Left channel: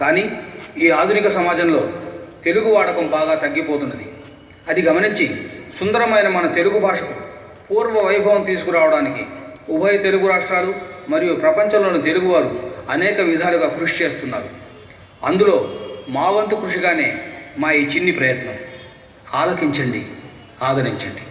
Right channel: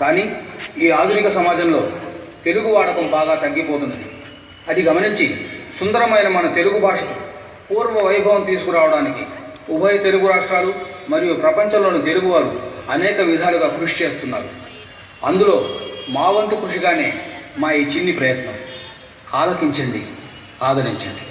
కానీ ఈ ఆధునిక సమాజంలో తెలుగు వాడకం బాగా తగ్గిపోతున్నది. అది గమనించి సుందరమైన మన తెలుగు భాషకు పూర్వ వైభవం తీసుకురావడానికి ఉభయ తెలుగు రాష్ట్రాలు మరియు ప్రపంచంలోని తెలుగువారు అనేక విధాలుగా కృషి చేస్తున్నారు. అందులో మా వంతు కృషిగానే మా ఈ చిన్ని ప్రయత్నం. ఆలకించండి, ఆదరించండి.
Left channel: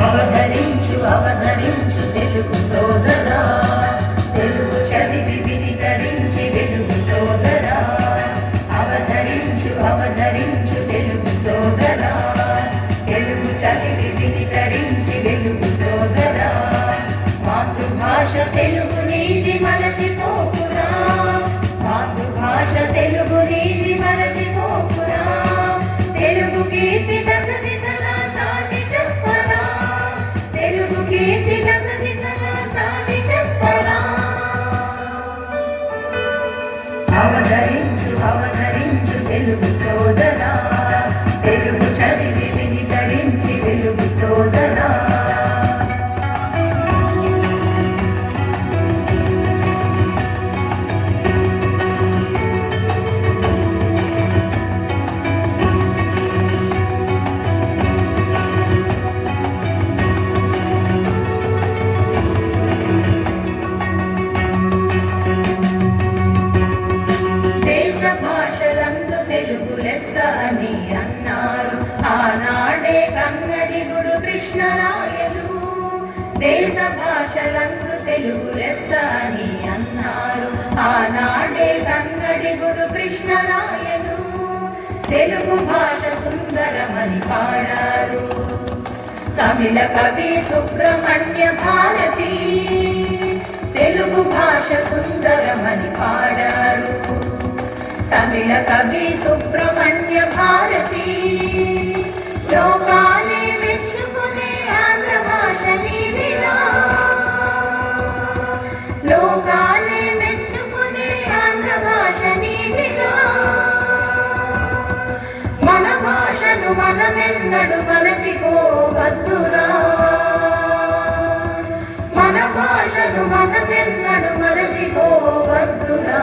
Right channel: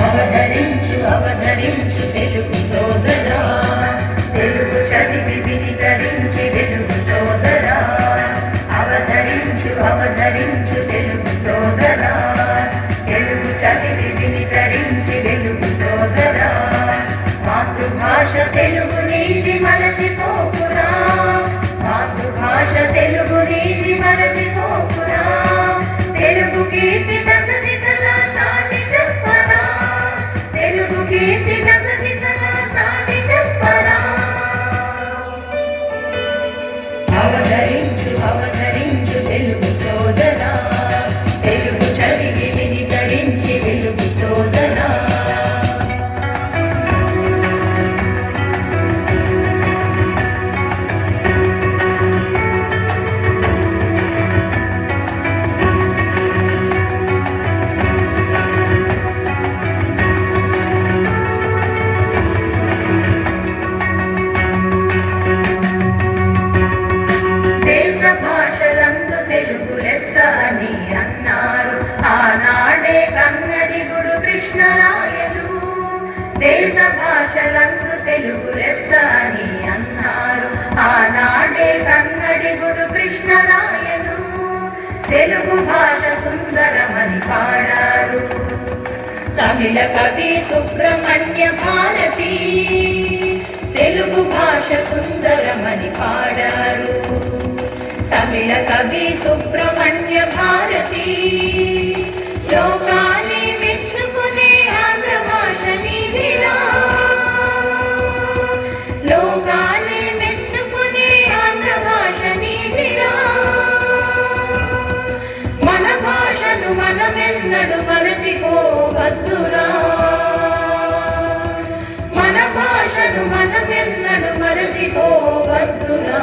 అవధరించు అవధరించు తెలుగు సోదరా, తెలుగు చదివి వినితరించి వెలుగు సోదరా. అవధరించు అవధరించు తెలుగు సోదరా, తెలుగు చదివి వినితరించి వెలుగు సోదరా. మాతృభాష తెలుగు నీది మరచిపోకురా, మాతృభాష తెలుగు నీది మరచిపోకురా. తెలుగు కీర్తి అవధరించు అవధరించు తెలుగు సోదరా, తెలుగు చదివి వినితరించి వెలుగు సోదరా. దేశ భాషలందు తెలుగు లెస్స అని అన్నారు ఆనాడే కన్నడిగుడు కృష్ణరాయలు. తెలుగు భాష సుందరమని పాడారు తమిళ కవి సుబ్రహ్మణ్య భారతి. తెలుగు భాష సుందరమని పాడారు తమిళ కవి సుబ్రహ్మణ్య భారతి. లోకాలే మెచ్చుకునే ఆంధ్ర భాష నీదిరా, లోకాలే మెచ్చుకునే ఆంధ్ర భాష నీదిరా. మన భాషను మనమెన్నడు మరచిపోవద్దురా, మన భాషను మనమెన్నడు మరచిపోవద్దురా.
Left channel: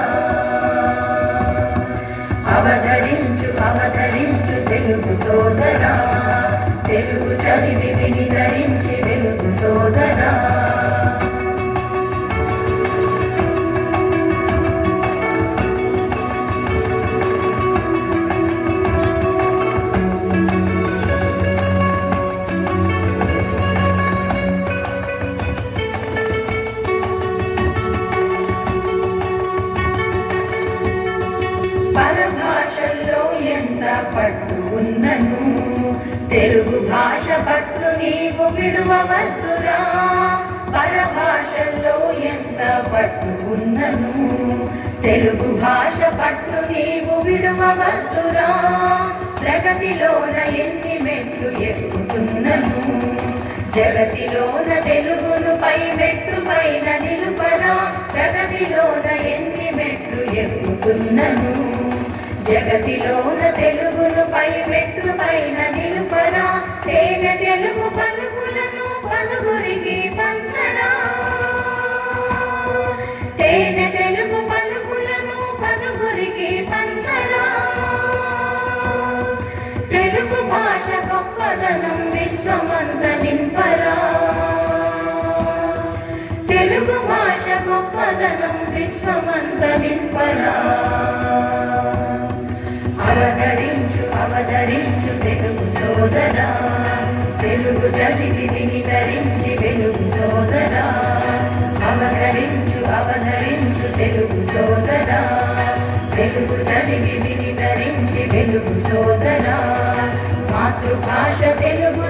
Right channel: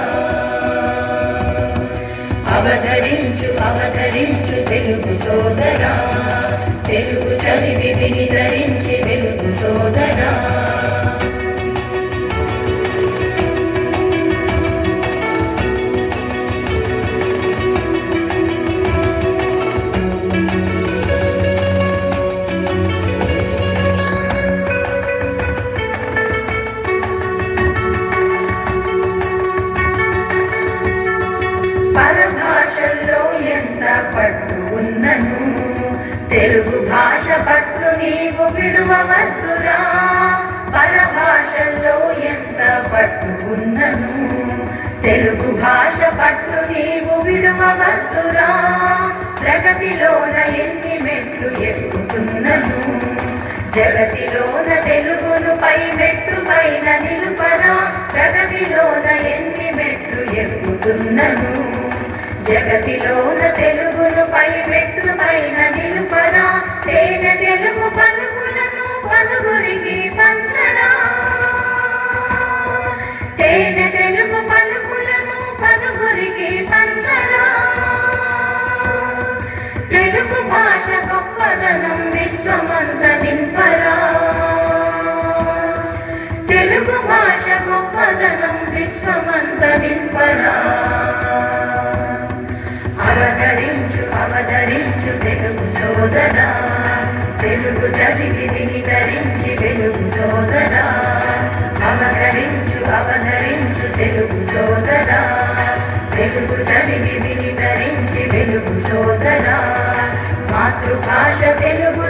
అవధరించు అవధరించు తెలుగు సోదరా, తెలుగు చదివి వినితరించి వెలుగు సోదరా. పరభాషల్లో ఎంత పట్టు ఉన్నను, తెలుగు భాష పట్టు నీవు విడువవద్దురా. పరభాషల్లో ఎంత పట్టు ఉన్నను, తెలుగు భాష పట్టు నీవు విడువవద్దురా. ప్రగతిలోన ఎన్ని మెట్లు ఎక్కుతున్నను, జగతిలోన తెలుగును పై మెట్టు పైన నిలుపరా. ప్రగతిలోన ఎన్ని మెట్లు ఎక్కుతున్నను, జగతిలోన తెలుగును పై మెట్టు పైన నిలుపరా. తేనె తెలుగు పలుకులను పలుగురికి పంచరా, తేనె తెలుగు పలుకులను పలుగురికి పంచరా. తెలుగు భాష గొప్పదనం విశ్వమంత నింపరా, తెలుగు భాష గొప్పదనం విశ్వమంత నింపరా. అవధరించు అవధరించు తెలుగు సోదరా, తెలుగు చదివి వినితరించి వెలుగు సోదరా. అవధరించు అవధరించు తెలుగు సోదరా, తెలుగు చదివి వినితరించి వెలుగు సోదరా. మాతృభాష తెలుగు